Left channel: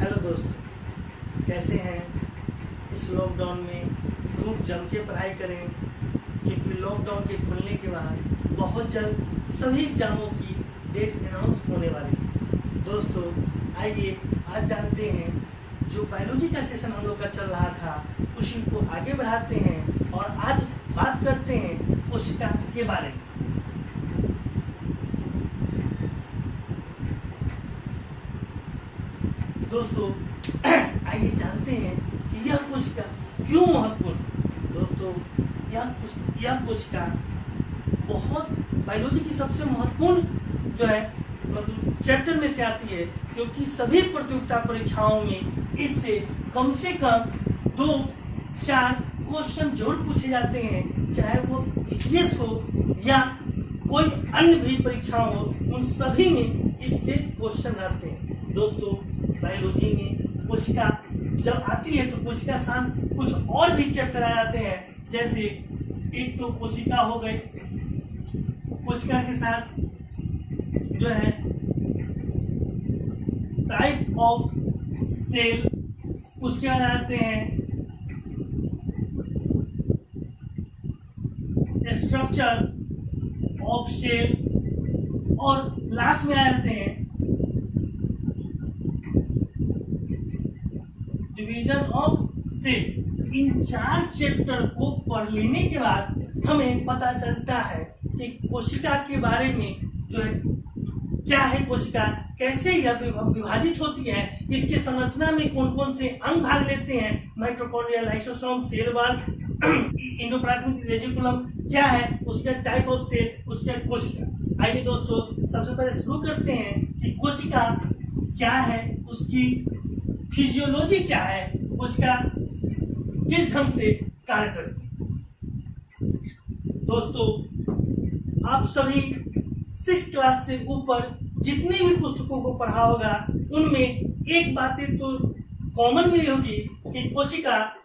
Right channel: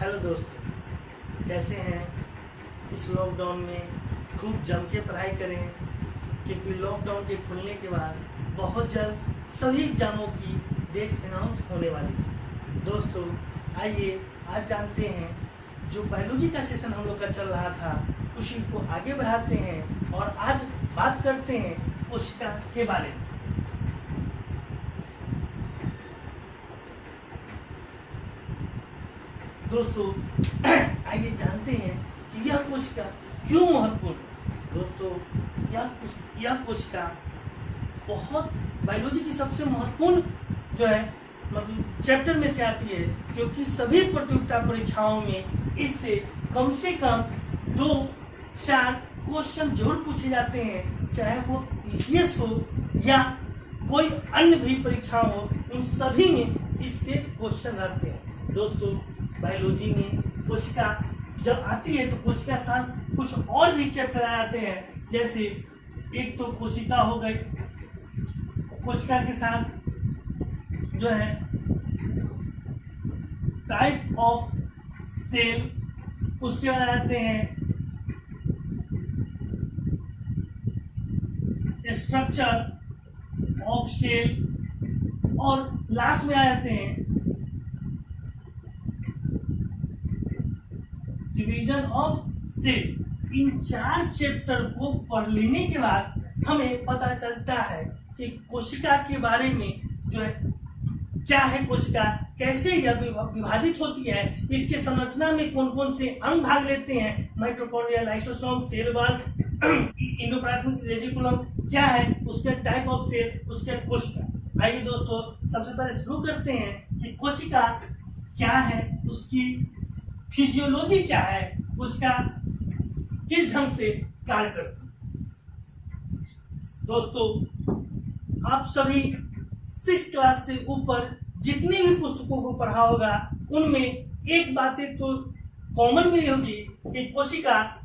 Hello दोस्तों, कैसे हैं। इस लॉकडाउन में खूब जम के पढ़ाई करें, क्योंकि लॉकडाउन के खुलने के बाद बहुत जल्द सभी एग्जामों की डेट अनाउंस होने वाली है। दोस्तों आइए आज जानते हैं, जो बायोलॉजी का सेशन हम लोग का चल रहा था उसी को आगे बढ़ाते हैं और आज बात करते हैं कोशिका के बारे में। दोस्तों आइए जानते हैं कि यह कोशिका क्यों महत्वपूर्ण है। दोस्तों यह कोशिका बहुत बायोलॉजी की सबसे महत्वपूर्ण जो है मतलब चैप्टर में से आती है, क्योंकि सभी प्रतियोगिता परीक्षाओं में इससे कम से कम 2-4 क्वेश्चन जरूर पूछे जाते हैं, चाहे वो पीसीएस हो या कोई अन्य भी परीक्षा हो, उन सभी में इससे क्वेश्चन रहते हैं। दोस्तों बायोलॉजी में कोशिका जब आती है तो कोशिका साथ कुछ और भी चैप्टर आ जाते हैं, जैसे एक तो कोशिका हो गई, कोशिका के साथ जो है टाइप ऑफ सेल, उसके बाद आते हैं स्ट्रक्चर ऑफ सेल और लास्ट में आ जाते हैं डिवीजन ऑफ सेल। इन 4 चैप्टर को पढ़ लेने के बाद हमें पता चलता है कि कोशिका के बारे में जो है क्या है कोशिका, कैसे यह विभाजित होती है, इसके संरचना में कौन कौन से अंग भाग लेते हैं, mitochondria, lysosome, cell wall, endoplasmic reticulum क्या है, उसके टाइप ऑफ सेल, उसके कोशिका। आइए दोस्तों सबसे पहले शुरू करते हैं कि कोशिका क्या है, उसकी फिजियोलॉजी क्या है, उसका किस ढंग से कार्य करती है। दोस्तों आप सभी 6 क्लास से ऊपर जितने भी पुस्तकों को पढ़ा होगा उनमें एक बातें तो कॉमन मिली होगी कि कोशिका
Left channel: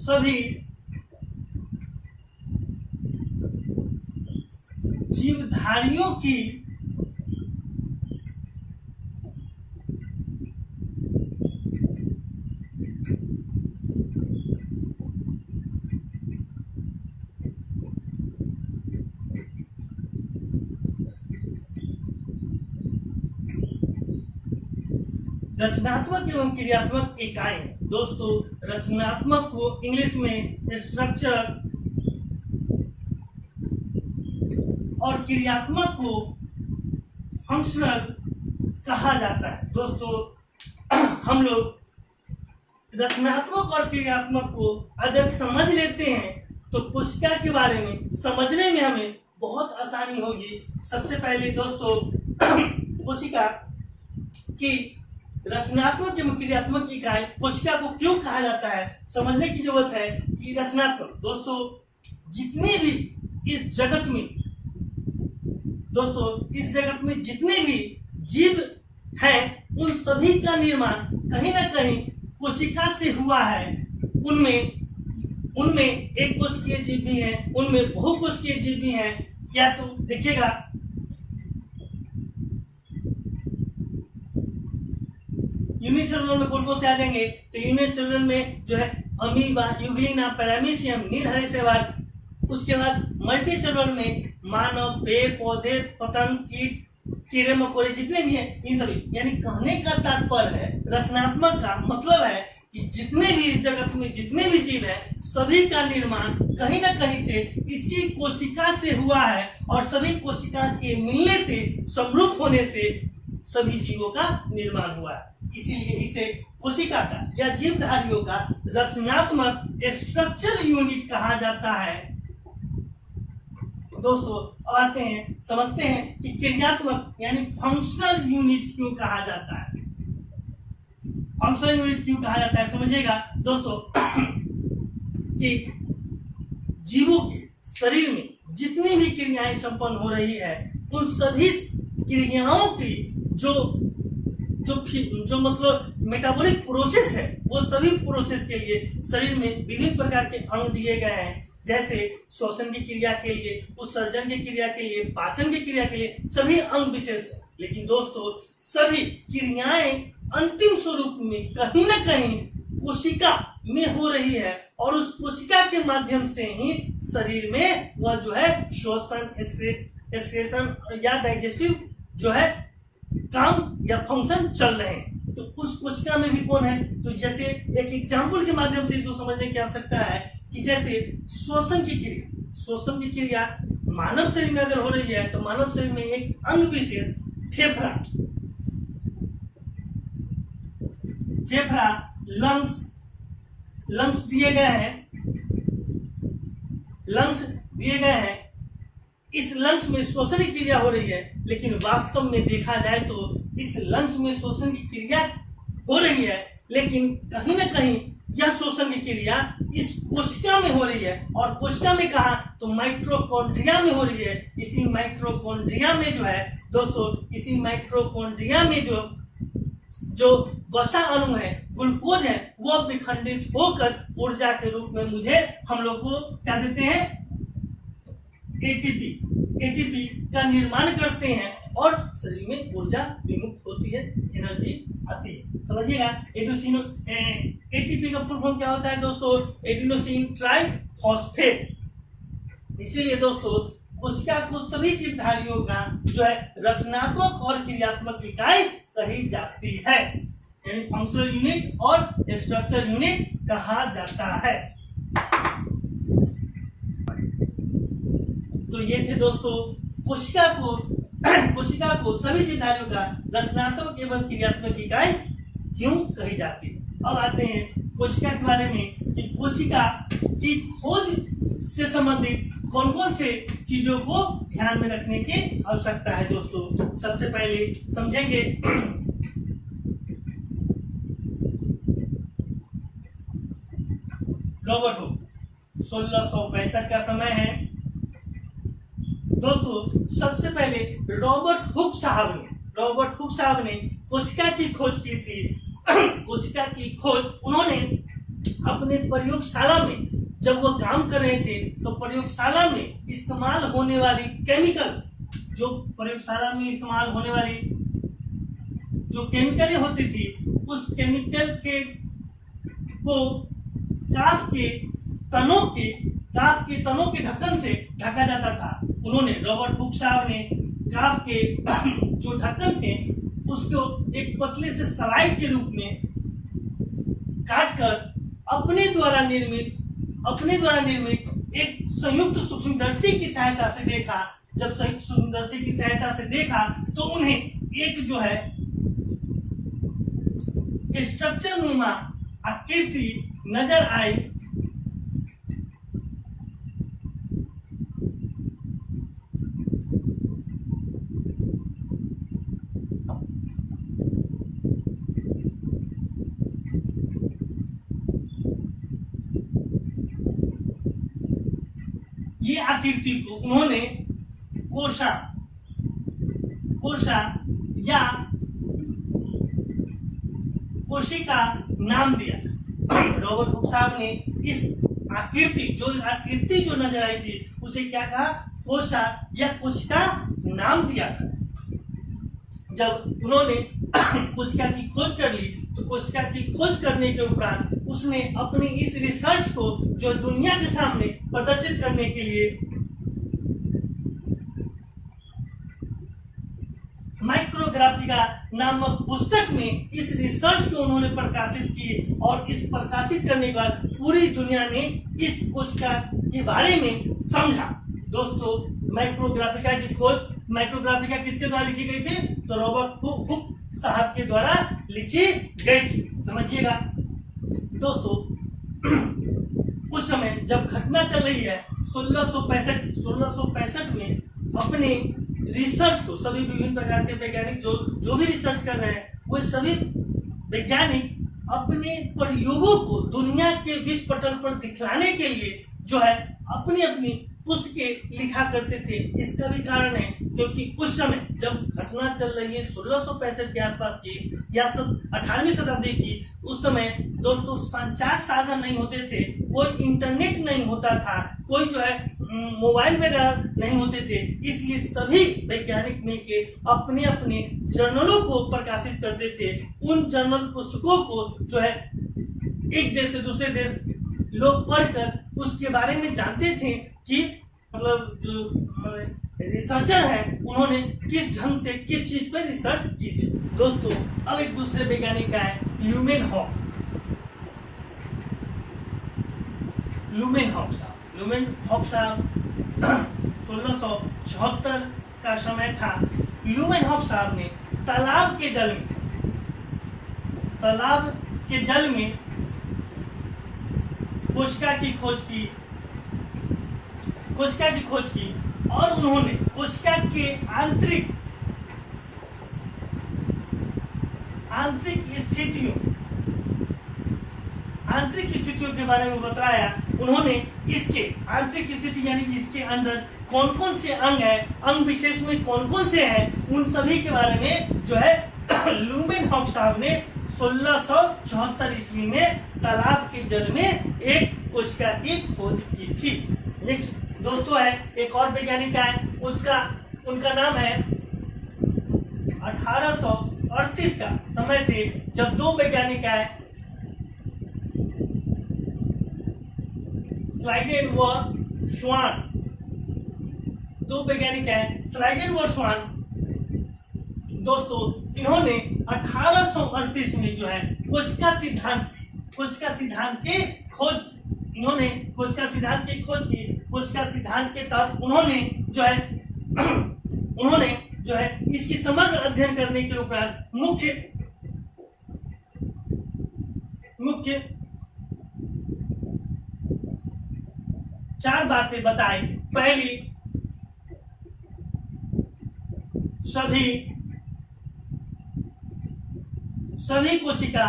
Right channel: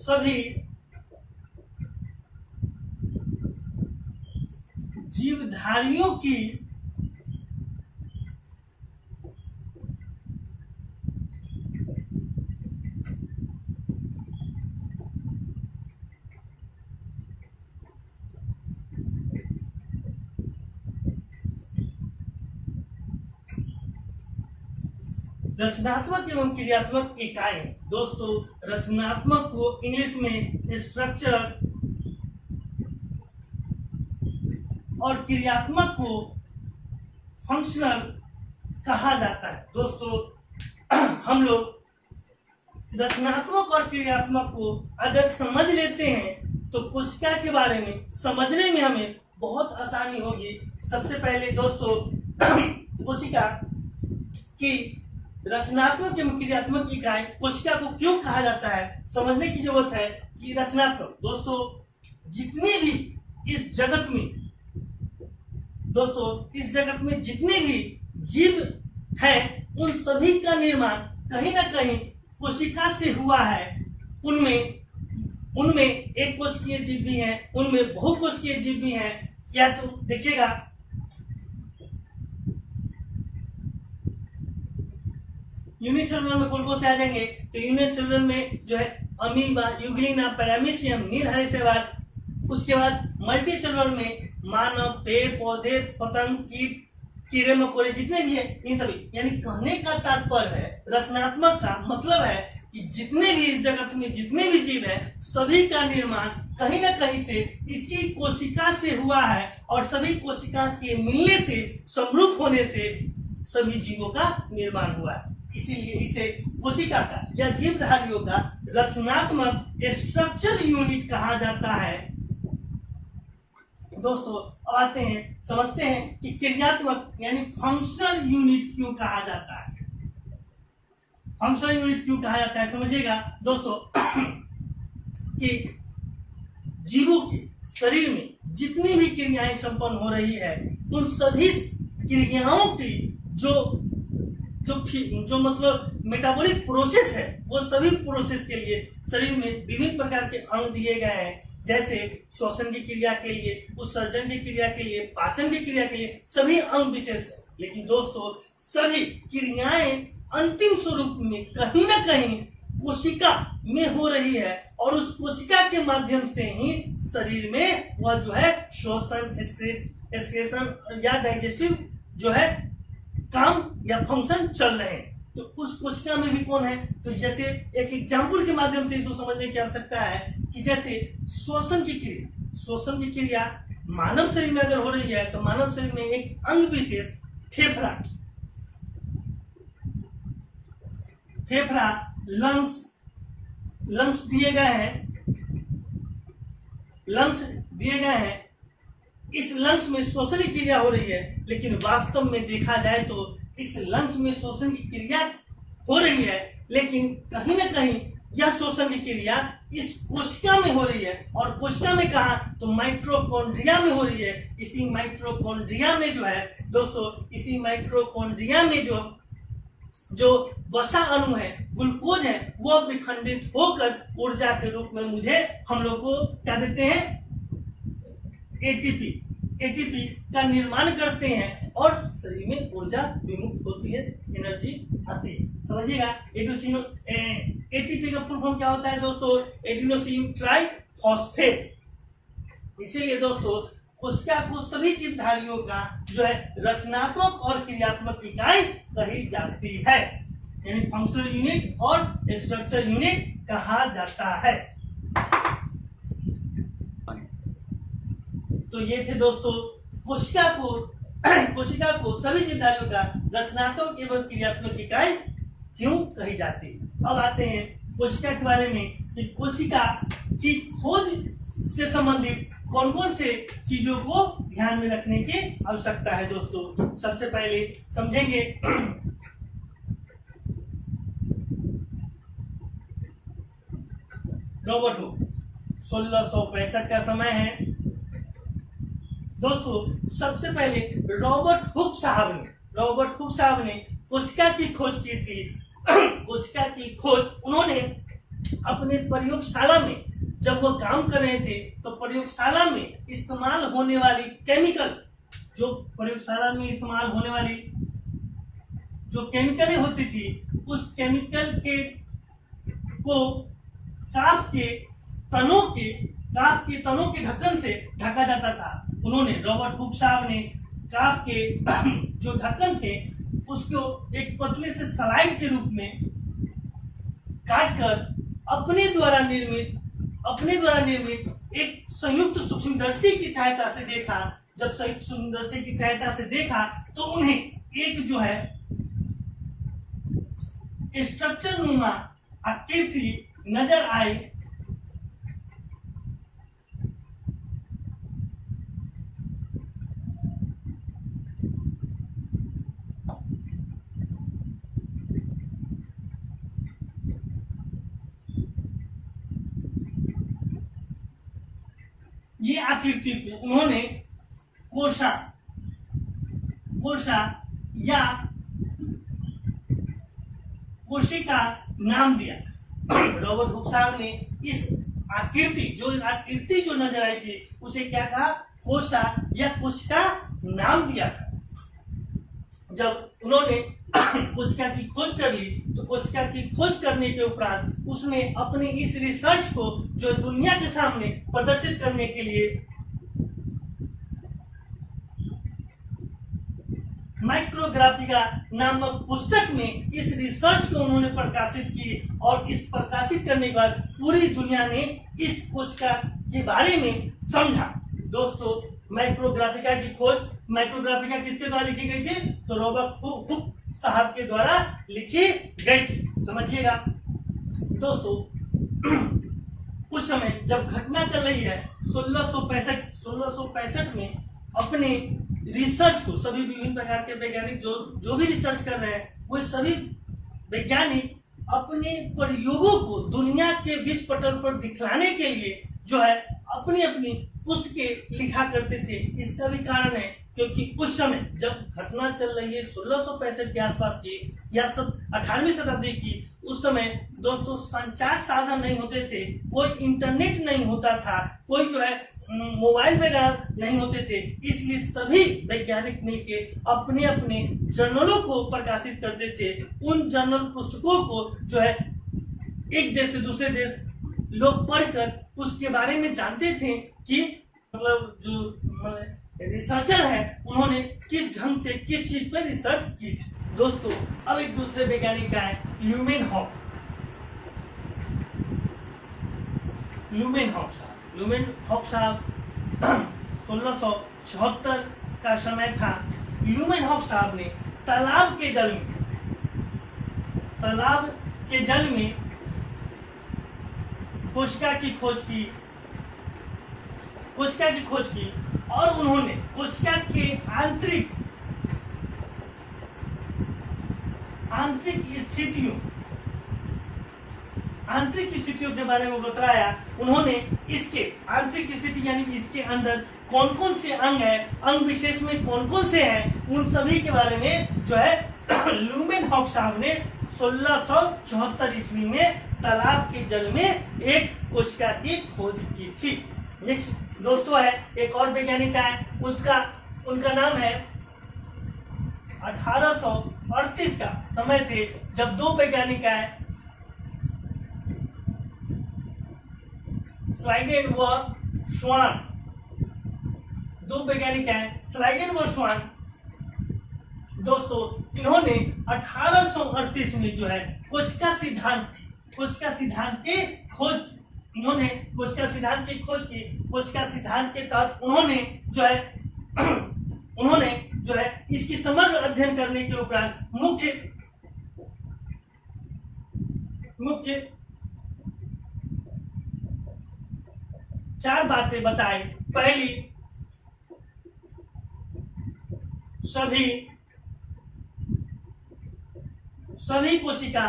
सभी जीवधारियों की रचनात्मक एवं क्रियात्मक इकाई। दोस्तों रचनात्मक को इंग्लिश में स्ट्रक्चर और क्रियात्मक को फंक्शनल कहा जाता है। दोस्तों हम लोग रचनात्मक और क्रियात्मक को अगर समझ लेते हैं तो कोशिका के बारे में समझने में हमें बहुत आसानी होगी। सबसे पहले दोस्तों कोशिका की रचनात्मक एवं क्रियात्मक इकाई कोशिका को क्यों कहा जाता है समझने की जरूरत है कि रचनात्मक दोस्तों जितने भी इस जगत में जितने भी जीव हैं उन सभी का निर्माण कहीं ना कहीं कोशिका से हुआ है। उनमें एक कोशिकीय जीव भी हैं, उनमें बहुकोशिकीय जीव भी हैं। या तो देखिएगा यूनिसेलुलर में कौन कौन से आ जाएंगे, तो यूनिसेलुलर में जो है अमीबा, यूग्लिना, पैरामीशियम, नीलहरी शैवाल। उसके बाद मल्टीसेलुलर में मानव, पेड़ पौधे, पतंग, कीट, कीड़े मकोड़े जितने भी हैं इन सभी। यानी कहने का तात्पर्य है रचनात्मक का मतलब है कि जितने भी इस जगत में जितने भी जीव हैं सभी का निर्माण कहीं ना कहीं से इसी कोशिका से हुआ है और सभी कोशिका के मिलने से, समरूप होने से सभी जीवों का निर्माण हुआ है। इसीलिए इसे कोशिका का या जीवधारियों का रचनात्मक स्ट्रक्चर यूनिट कहा जाता है। दोस्तों अब आते हैं समझते हैं कि क्रियात्मक यानी फंक्शनल यूनिट क्यों कहा जाता है। फंक्शनल यूनिट क्यों कहा जाता है समझिएगा दोस्तों कि जीवों के शरीर में जितनी भी क्रियाएं संपन्न हो रही है उन सभी क्रियाओं की जो मतलब मेटाबॉलिक प्रोसेस है वो सभी प्रोसेस के लिए शरीर में विभिन्न प्रकार के अंग दिए गए हैं। जैसे श्वसन की क्रिया के लिए, उत्सर्जन की क्रिया के लिए, पाचन की क्रिया के लिए सभी अंग विशेष है। लेकिन दोस्तों सभी क्रियाएं अंतिम स्वरूप में कहीं ना कहीं कोशिका में हो रही है और उस कोशिका के माध्यम से ही शरीर में वह जो है श्वसन, एक्सक्रीशन या डाइजेस्टिव जो है काम या फंक्शन चल रहे हैं। तो उस कोशिका में भी कौन है, तो जैसे एक एग्जाम्पल के माध्यम से इसको समझने की आवश्यकता है कि जैसे श्वसन की क्रिया मानव शरीर में अगर हो रही है तो मानव शरीर में एक अंग विशेष फेफड़ा, लंग्स दिए गए हैं। इस लंग्स में श्वसन की क्रिया हो रही है, लेकिन वास्तव में देखा जाए तो इस लंग्स में श्वसन की क्रिया हो रही है, लेकिन कहीं ना कहीं यह श्वसन की क्रिया इस कोशिका में हो रही है। और कोशिका में कहा तो माइटोकॉन्ड्रिया में हो रही है। इसी माइटोकॉन्ड्रिया में जो है दोस्तों, इसी माइटोकॉन्ड्रिया में जो वसा अणु है, ग्लूकोज है, वह विखंडित होकर ऊर्जा के रूप में हम लोग को क्या देते हैं, एटीपी का निर्माण करते हैं और शरीर में ऊर्जा विमुक्त होती है, एनर्जी आती है। समझिएगा, एटीपी का फुल फॉर्म क्या होता है दोस्तों, एडिनोसिन ट्राइफॉस्फेट। इसीलिए दोस्तों कोशिका को सभी जीवधारियों का जो है रचनात्मक और क्रियात्मक इकाई कही जाती है, यानी फंक्शनल यूनिट और स्ट्रक्चर यूनिट कहा जाता है। तो ये थे दोस्तों कोशिका को सभी जीवधारियों का रचनात्मक एवं क्रियात्मक इकाई क्यों कही जाती है। अब आते हैं कोशिका के बारे में कि कोशिका की खोज से संबंधित कौन कौन से चीजों को ध्यान में रखने की आवश्यकता है। दोस्तों सबसे पहले समझेंगे रॉबर्ट हुक, 1665 का समय है दोस्तों। सबसे पहले रॉबर्ट हुक साहब ने कोशिका की खोज की थी। कोशिका की खोज उन्होंने अपने प्रयोगशाला में जब वो काम कर रहे थे तो प्रयोगशाला में इस्तेमाल होने वाली जो केमिकलें होती थी, उस केमिकल को काफ के तनों के ढक्कन से ढका जाता था। रॉबर्ट हुक साहब ने काफ के जो ढक्कन थे उसको एक पतले से स्लाइड के रूप में काटकर अपने द्वारा निर्मित एक संयुक्त सूक्ष्मदर्शी की सहायता से देखा। जब संयुक्त सूक्ष्मदर्शी की सहायता से देखा तो उन्हें एक जो है स्ट्रक्चर नुमा आकृति नजर आई। ये आकृति को उन्होंने कोशिका नाम दिया। रॉबर्ट हुक साहब ने इस आकृति जो नजर आई थी उसे क्या कहा, कोशिका नाम दिया था। जब उन्होंने कोशिका की खोज कर ली तो कोशिका की खोज करने के उपरांत उसने अपनी इस रिसर्च को जो दुनिया के सामने प्रदर्शित करने के लिए माइक्रोग्राफिका नामक पुस्तक में इस रिसर्च को उन्होंने प्रकाशित की। और इस प्रकाशित करने के बाद पूरी दुनिया ने इस कोशिका के बारे में समझा। दोस्तों माइक्रोग्राफिका की खोज, माइक्रोग्राफिका किसके द्वारा लिखी गई थी, तो रॉबर्ट हुक साहब के द्वारा लिखी गई थी। समझिएगा दोस्तों, उस समय जब घटना चल रही है 1665 में अपने रिसर्च को सभी विभिन्न प्रकार के वैज्ञानिक जो भी रिसर्च कर रहे हैं वो सभी वैज्ञानिक अपने प्रयोगों को दुनिया के विश्व पटल पर दिखलाने के लिए जो है अपनी पुस्तकें लिखा करते थे। इसका भी कारण है क्योंकि उस समय जब घटना चल रही है 1665 के आसपास की या 18वीं शताब्दी की, उस समय दोस्तों संचार साधन नहीं होते थे, कोई इंटरनेट नहीं होता था, कोई जो है मोबाइल वगैरह नहीं होते थे। इसलिए सभी वैज्ञानिक मिलके अपने अपने जर्नलों को प्रकाशित करते थे। उन जर्नल पुस्तकों को जो है एक देश से दूसरे देश लोग पढ़कर उसके बारे में जानते थे कि मतलब जो रिसर्चर है उन्होंने किस ढंग से किस चीज पर रिसर्च की थी। दोस्तों अब एक दूसरे वैज्ञानिक का है ल्यूमेनहॉक साहब। ल्यूमेनहॉक साहब 1674 का समय था। ल्यूमेनहॉक साहब ने तालाब के जल में कोशिका की खोज की और उन्होंने कोशिका के आंतरिक स्थितियों के बारे में बताया। उन्होंने इसके आंतरिक स्थिति यानी कि इसके अंदर कौन कौन से अंग है, अंग विशेष में कौन कौन से हैं, उन सभी के बारे में जो है ल्यूमेनहॉक साहब ने 1674 ईस्वी में तालाब के जल में एक कोशिका की खोज की थी। नेक्स्ट दोस्तों है एक और वैज्ञानिक है, उनका नाम है 1838 का समय थे जब दो वैज्ञानिक आए स्लाइडेन व श्वान। दो वैज्ञानिक हैं स्लाइडेन व श्वान। दोस्तों इन्होंने 1838 में जो है कोशिका सिद्धांत की खोज की। कोशिका सिद्धांत के तहत उन्होंने जो है इसकी समग्र अध्ययन करने के उपरांत मुख्य 4 बातें बताई। पहली, सभी कोशिका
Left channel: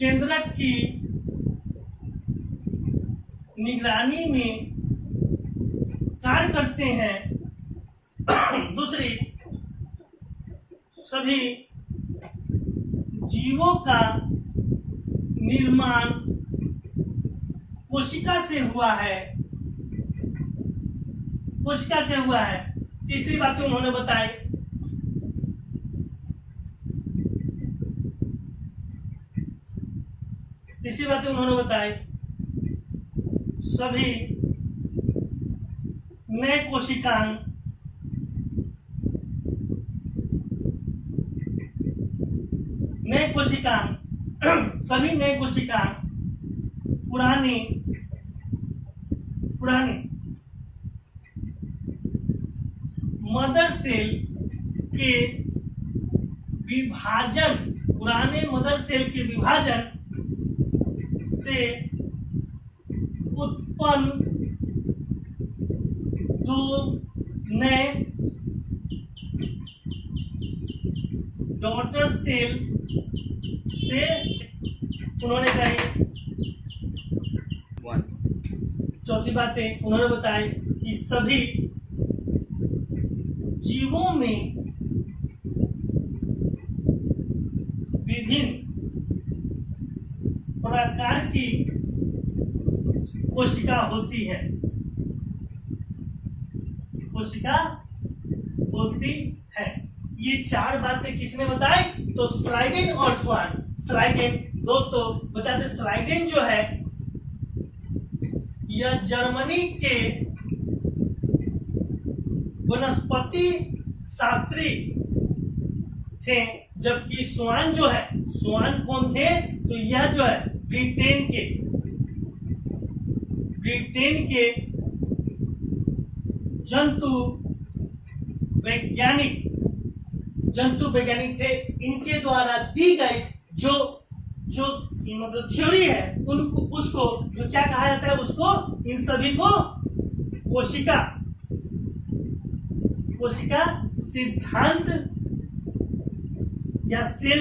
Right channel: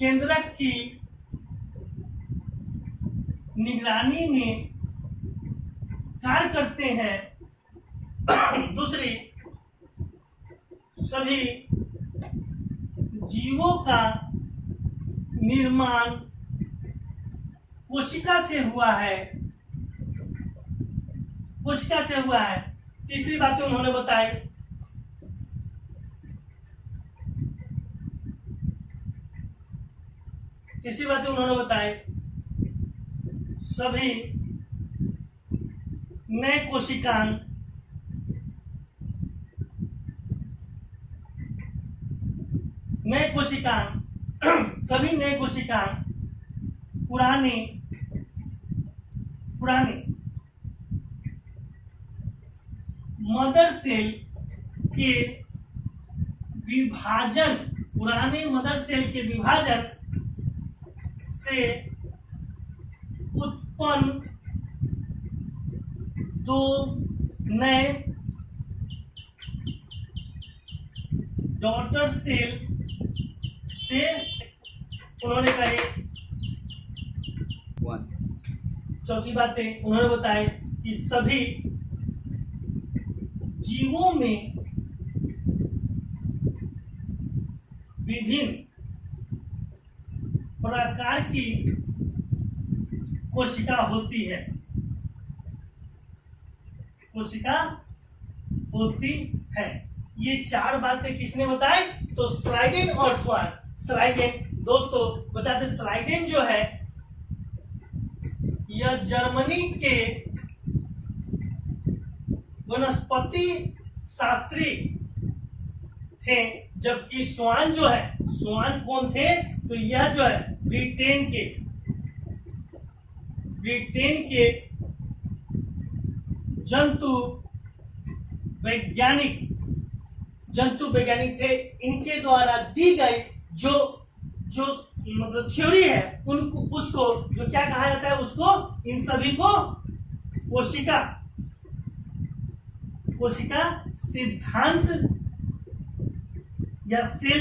केंद्रक की निगरानी में कार्य करते हैं। दूसरी, सभी जीवों का निर्माण कोशिका से हुआ है। तीसरी बातें उन्होंने बताई, सभी नए कोशिकांग पुराने मदर सेल के विभाजन से उत्पन्न 2 नए डॉटर सेल से उन्होंने कहे। चौथी बातें उन्होंने बताई कि सभी जीवों में विभिन्न प्रकार की कोशिका होती है। ये 4 बातें किसने बताई? तो स्लाइडेन और श्वान। स्लाइडेन दोस्तों बताते, स्लाइडेन जो है यह जर्मनी के वनस्पति शास्त्री थे, जबकि श्वान कौन थे? तो यह जो है ब्रिटेन के जंतु वैज्ञानिक थे। इनके द्वारा दी गई जो मतलब थ्योरी है उसको जो क्या कहा जाता है, उसको इन सभी को कोशिका सिद्धांत या सेल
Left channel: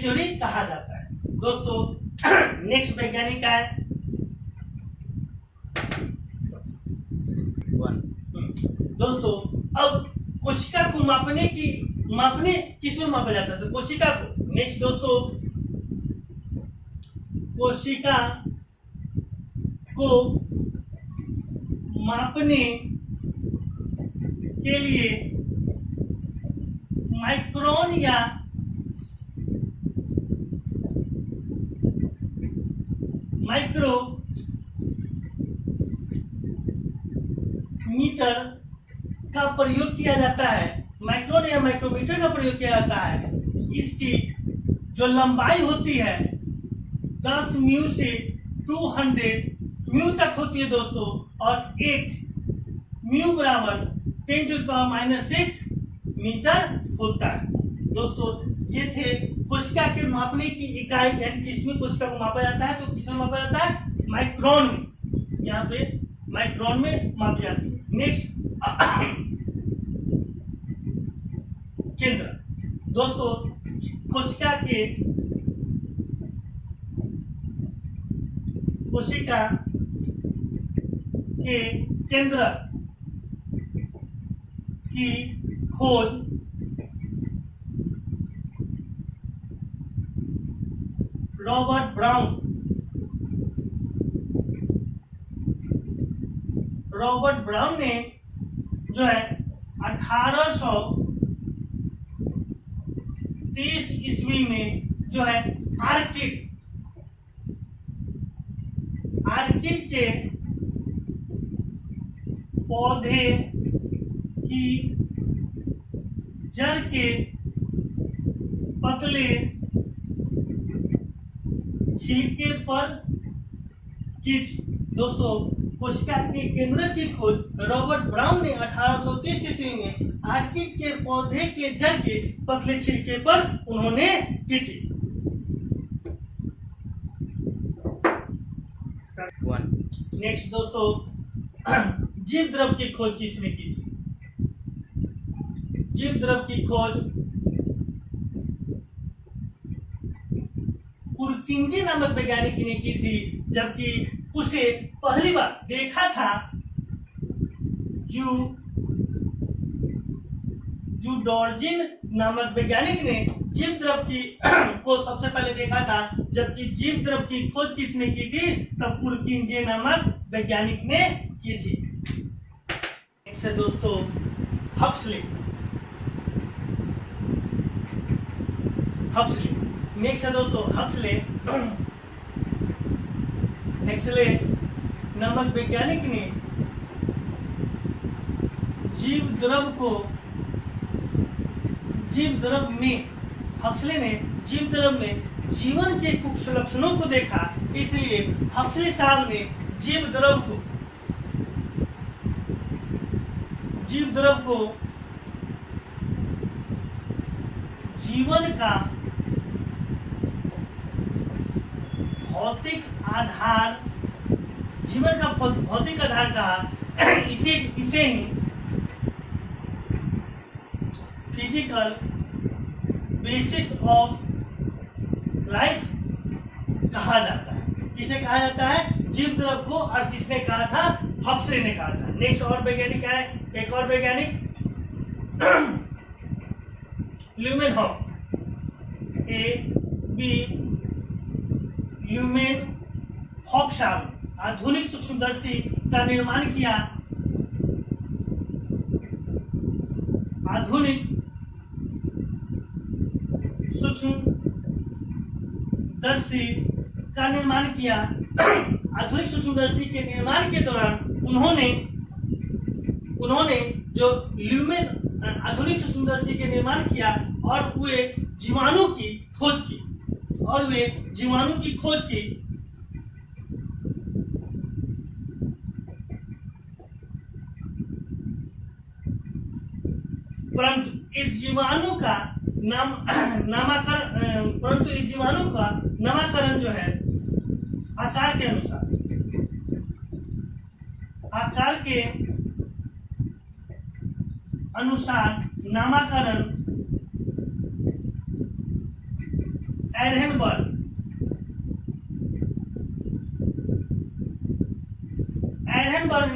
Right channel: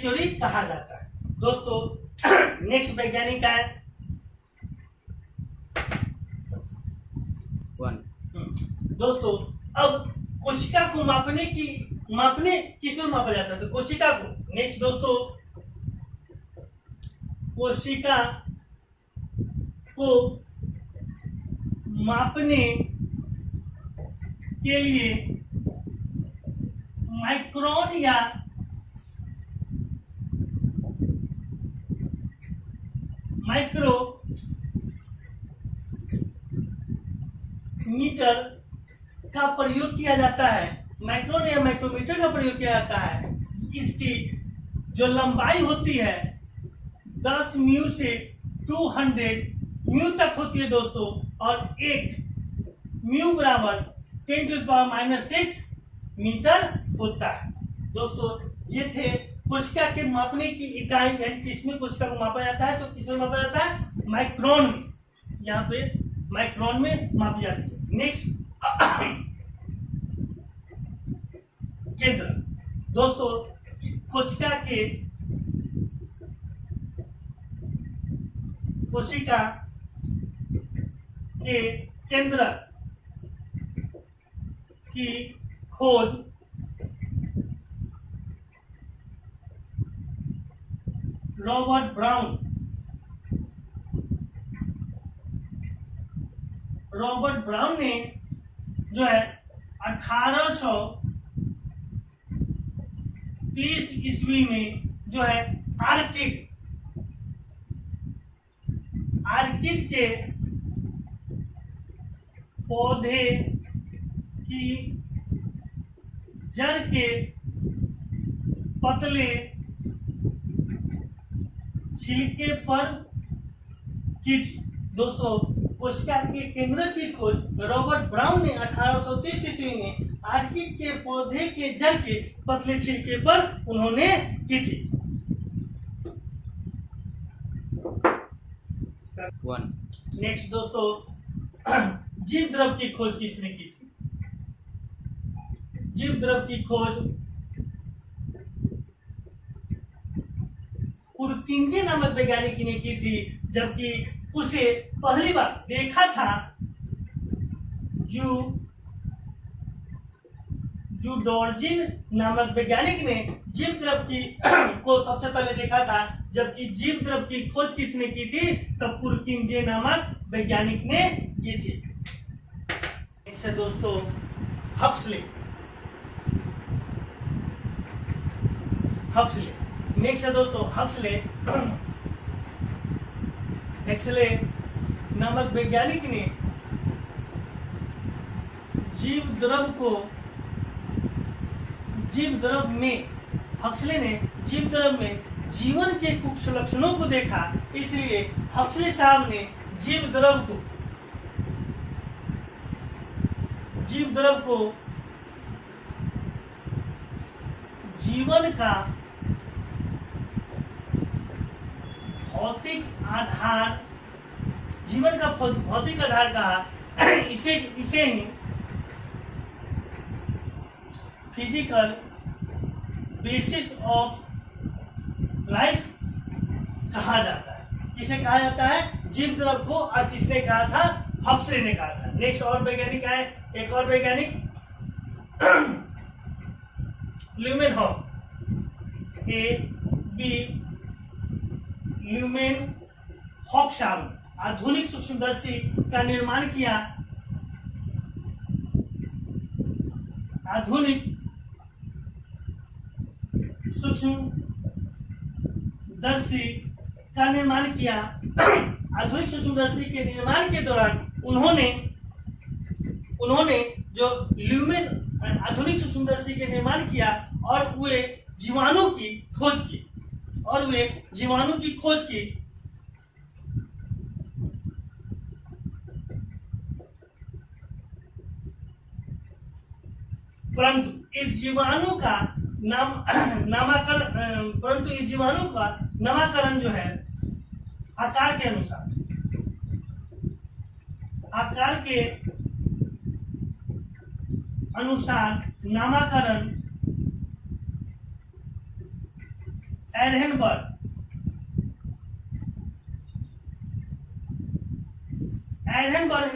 थ्योरी कहा जाता है। दोस्तों नेक्स्ट वैज्ञानिक है दोस्तों, अब कोशिका को मापने किसमें मापा जाता है? तो कोशिका को, नेक्स्ट दोस्तों, कोशिका को मापने के लिए माइक्रोन या माइक्रोमीटर का प्रयोग किया जाता है। माइक्रोन या माइक्रोमीटर का प्रयोग किया जाता है। इसकी जो लंबाई होती है 10 म्यू से 200 म्यू तक होती है दोस्तों, और एक म्यू बराबर 10⁻⁶ मीटर होता है। दोस्तों ये थे कोशिका के मापने की इकाई, यानी किसमें कोशिका को मापा जाता है? तो किसमें मापा जाता है? माइक्रोन में। यहाँ पे माइक्रोन में मापी जाती है। नेक्स्ट केंद्र। दोस्तों कोशिका के केंद्र की खोज रॉबर्ट ब्राउन ने जो है 1830 ईस्वी में जो है आर्किड के पौधे की जड़ के पतले छिलके पर की थी। दोस्तों कोशिका के केंद्र की खोज रॉबर्ट ब्राउन ने 1830 ईस्वी में आर्किड के पौधे के जड़ के पतले छिलके पर उन्होंने की थी। नेक्स्ट दोस्तों, जीव द्रव की खोज किसने की थी? जीव द्रव की खोज पुरकिंजे नामक वैज्ञानिक ने की थी, जबकि उसे पहली बार देखा था जूडोर्जिन नामक वैज्ञानिक ने जीव द्रव की को सबसे पहले देखा था, जबकि जीव द्रव की खोज किसने की थी? तब पुरकिंजे नामक वैज्ञानिक ने की थी। नेक्स्ट है दोस्तों हक्सले। नेक्स्ट है दोस्तों हक्सले नामक वैज्ञानिक ने जीव द्रव में जीवन के कुछ लक्षणों को देखा। इसलिए हक्सले साहब ने जीव द्रव को जीवन का भौतिक आधार कहा। इसे ही फिजिकल बेसिस ऑफ लाइफ कहा जाता है। किसे कहा जाता है? जीव द्रव को। और किसने कहा था? हक्सले ने कहा था। नेक्स्ट और वैज्ञानिक है, एक और वैज्ञानिक ल्यूमेनहॉक साहब आधुनिक सूक्ष्मदर्शी का निर्माण किया। आधुनिक सूक्ष्मदर्शी के निर्माण के दौरान उन्होंने जो आधुनिक सूक्ष्मदर्शी के निर्माण किया और वे जीवाणु की खोज की। परंतु इस जीवाणु का नामकरण जो है आकार के अनुसार अनुसार नामकरण एरहनबर्ग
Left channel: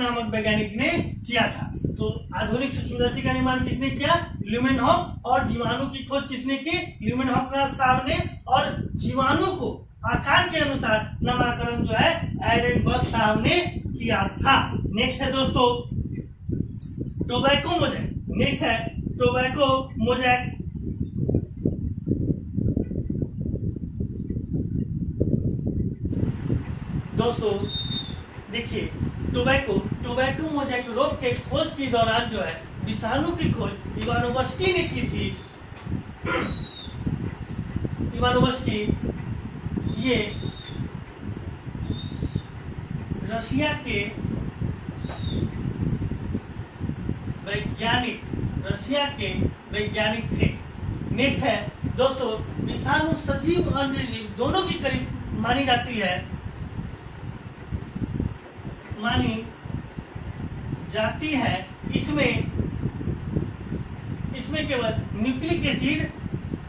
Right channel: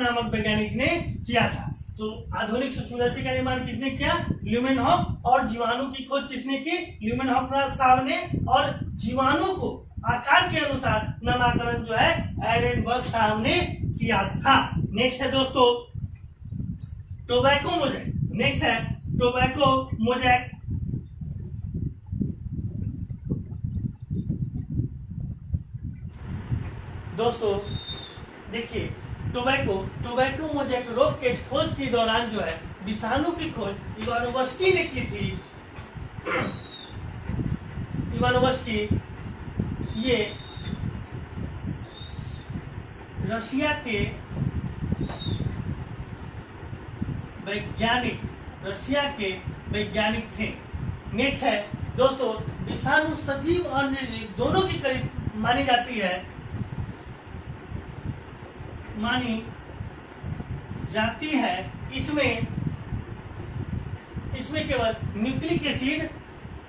नामक वैज्ञानिक ने किया था। तो आधुनिक सूक्ष्मदर्शी का निर्माण किसने किया? ल्यूमेनहॉक। और जीवाणु की खोज किसने की? ल्यूमेनहॉक साहब ने। और जीवाणु को आकार के अनुसार नामकरण जो है एरहनबर्ग साहब ने किया था। नेक्स्ट है दोस्तों टोबैको मोजैक। नेक्स्ट है टोबैको मोजैक। दोस्तों देखिए टोबैको मोजैक रोग के खोज के दौरान जो है विषाणु की खोज इवानोवस्की ने की थी। इवानोवस्की ये रशिया के वैज्ञानिक थे। नेक्स्ट है दोस्तों विषाणु सजीव और निर्जीव दोनों की करीब मानी जाती है। इसमें केवल न्यूक्लिक एसिड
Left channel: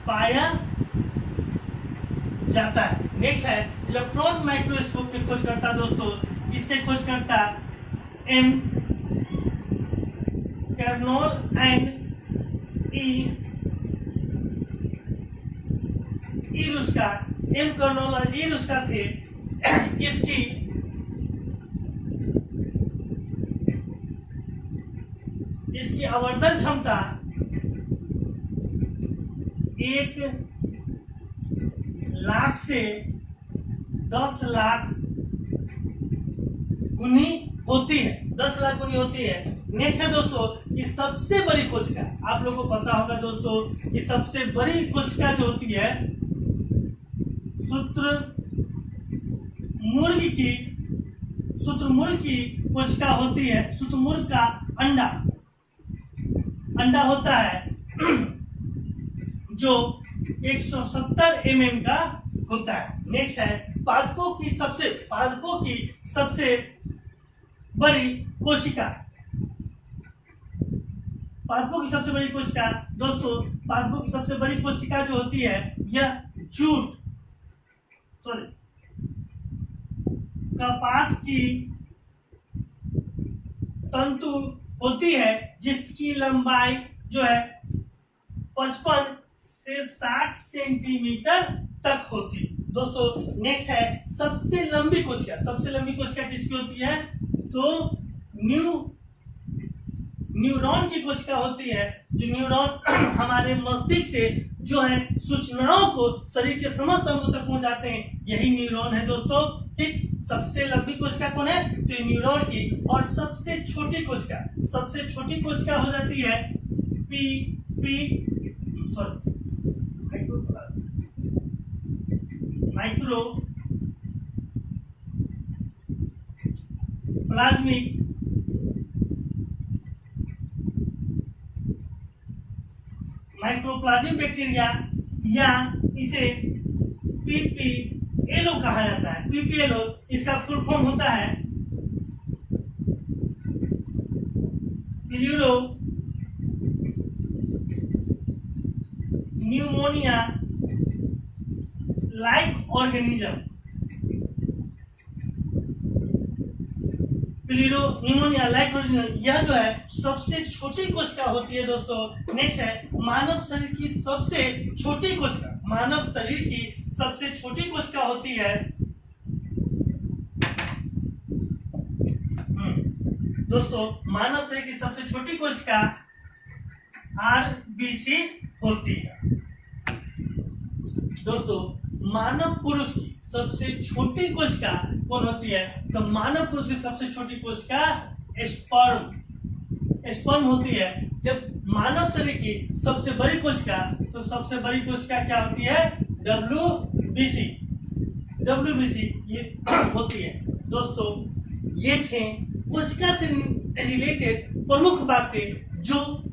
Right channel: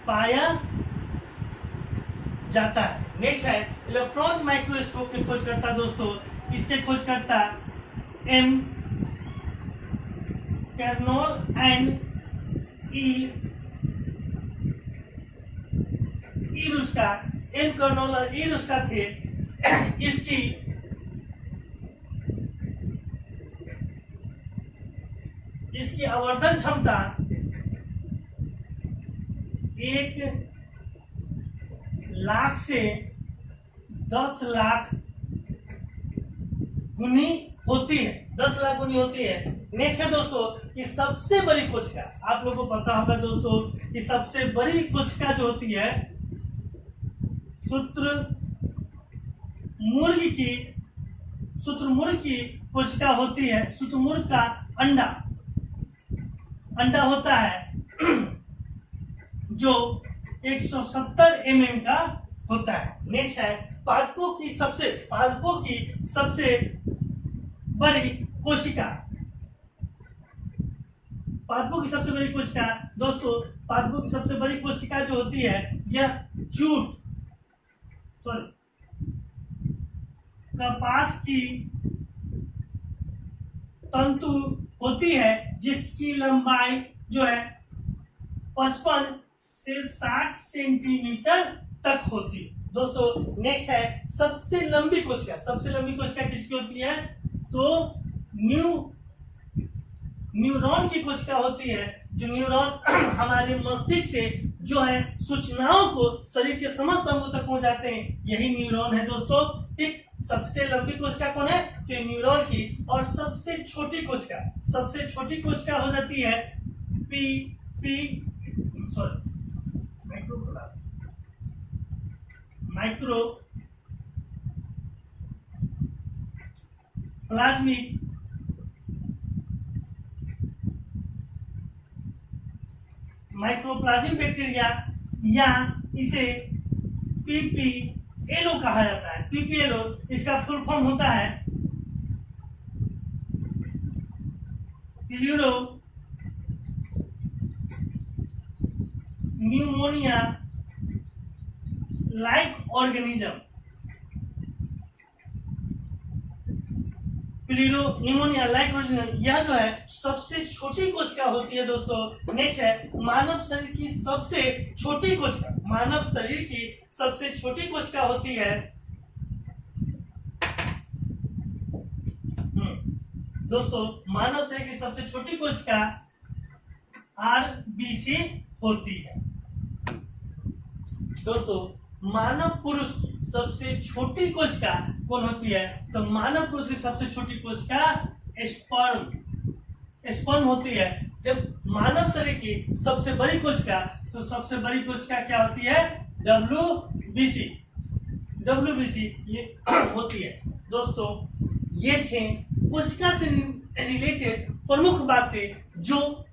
पाया जाता है। नेक्स्ट है इलेक्ट्रॉन माइक्रोस्कोप के खोजकर्ता दोस्तों, इसके खोजकर्ता एम कर्नोल एंड एम कर्नोल और ई रुस्का थे। इसकी आवर्धन क्षमता 1,00,000 से 10,00,000 गुनी होती है। 10,00,000 गुनी होती है। नेक्स्ट है दोस्तों कि सबसे बड़ी कोशिका, आप लोगों को पता होगा दोस्तों कि सबसे बड़ी कोशिका जो होती है शुतुरमुर्ग की कोशिका होती है। शुतुरमुर्ग का अंडा होता है जो 170 mm का होता है। नेक्स्ट है पादपों की सबसे बड़ी कोशिका। दोस्तों पादपों की सबसे बड़ी कोशिका जो होती है यह कपास की तंतु होती है जिसकी लंबाई जो है 55 से 60 सेंटीमीटर तक होती है। दोस्तों नेक्स्ट है सबसे लंबी कोशिका किसकी होती है? तो न्यूरॉन की कोशिका होती है। जो न्यूरॉन हमारे मस्तिष्क से जो है सूचनाओं को शरीर के समस्त अंगों तक पहुंचाते हैं, यही न्यूरॉन है दोस्तों। ठीक, सबसे लंबी कोशिका कौन है? तो न्यूरॉन की। और सबसे छोटी कोशिका हो जाती है माइक्रोप्लाज्मिक बैक्टीरिया, या इसे पीपीएलओ कहा जाता है। पीपीएलओ इसका फुल फॉर्म होता है प्यूरो न्यूमोनिया लाइक ऑर्गेनिज्म। यह जो है सबसे छोटी कोशिका होती है दोस्तों। नेक्स्ट है मानव शरीर की सबसे छोटी कोशिका होती है दोस्तों मानव शरीर की सबसे छोटी कोशिका आरबीसी होती है। दोस्तों मानव पुरुष की सबसे छोटी कोशिका कौन होती है? तो मानव पुरुष की सबसे छोटी कोशिका स्पर्म होती है। जब मानव शरीर की सबसे बड़ी कोशिका, तो सबसे बड़ी कोशिका क्या होती है? डब्ल्यूबीसी ये होती है। दोस्तों ये थे कोशिका से रिलेटेड प्रमुख बातें जो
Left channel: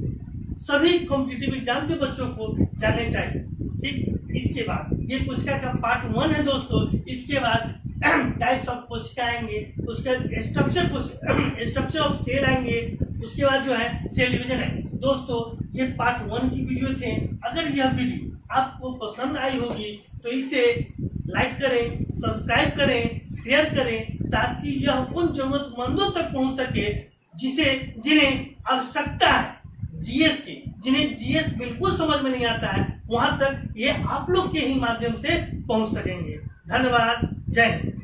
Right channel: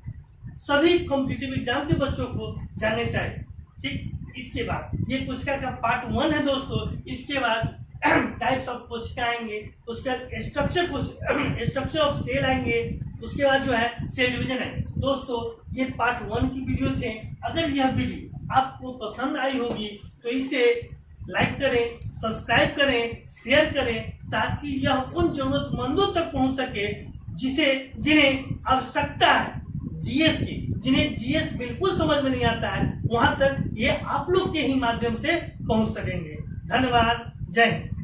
सभी कॉम्पिटिटिव एग्जाम के बच्चों को जानने चाहिए। ठीक, इसके बाद ये कोशिका का पार्ट 1 है दोस्तों। इसके बाद टाइप्स ऑफ कोशिका आएंगे, उसका स्ट्रक्चर ऑफ सेल आएंगे, उसके बाद जो है सेल डिवीजन आएंगे। दोस्तों ये पार्ट 1 की वीडियो थे। अगर यह वीडियो आपको पसंद आई होगी तो इसे लाइक करें, सब्सक्राइब करें, शेयर करें, ताकि यह उन जरूरतमंदों तक पहुंच सके जिन्हें आवश्यकता है जीएस की, जिन्हें जीएस बिल्कुल समझ में नहीं आता है, वहां तक ये आप लोग के ही माध्यम से पहुंच सकेंगे। धन्यवाद। जय हिंद।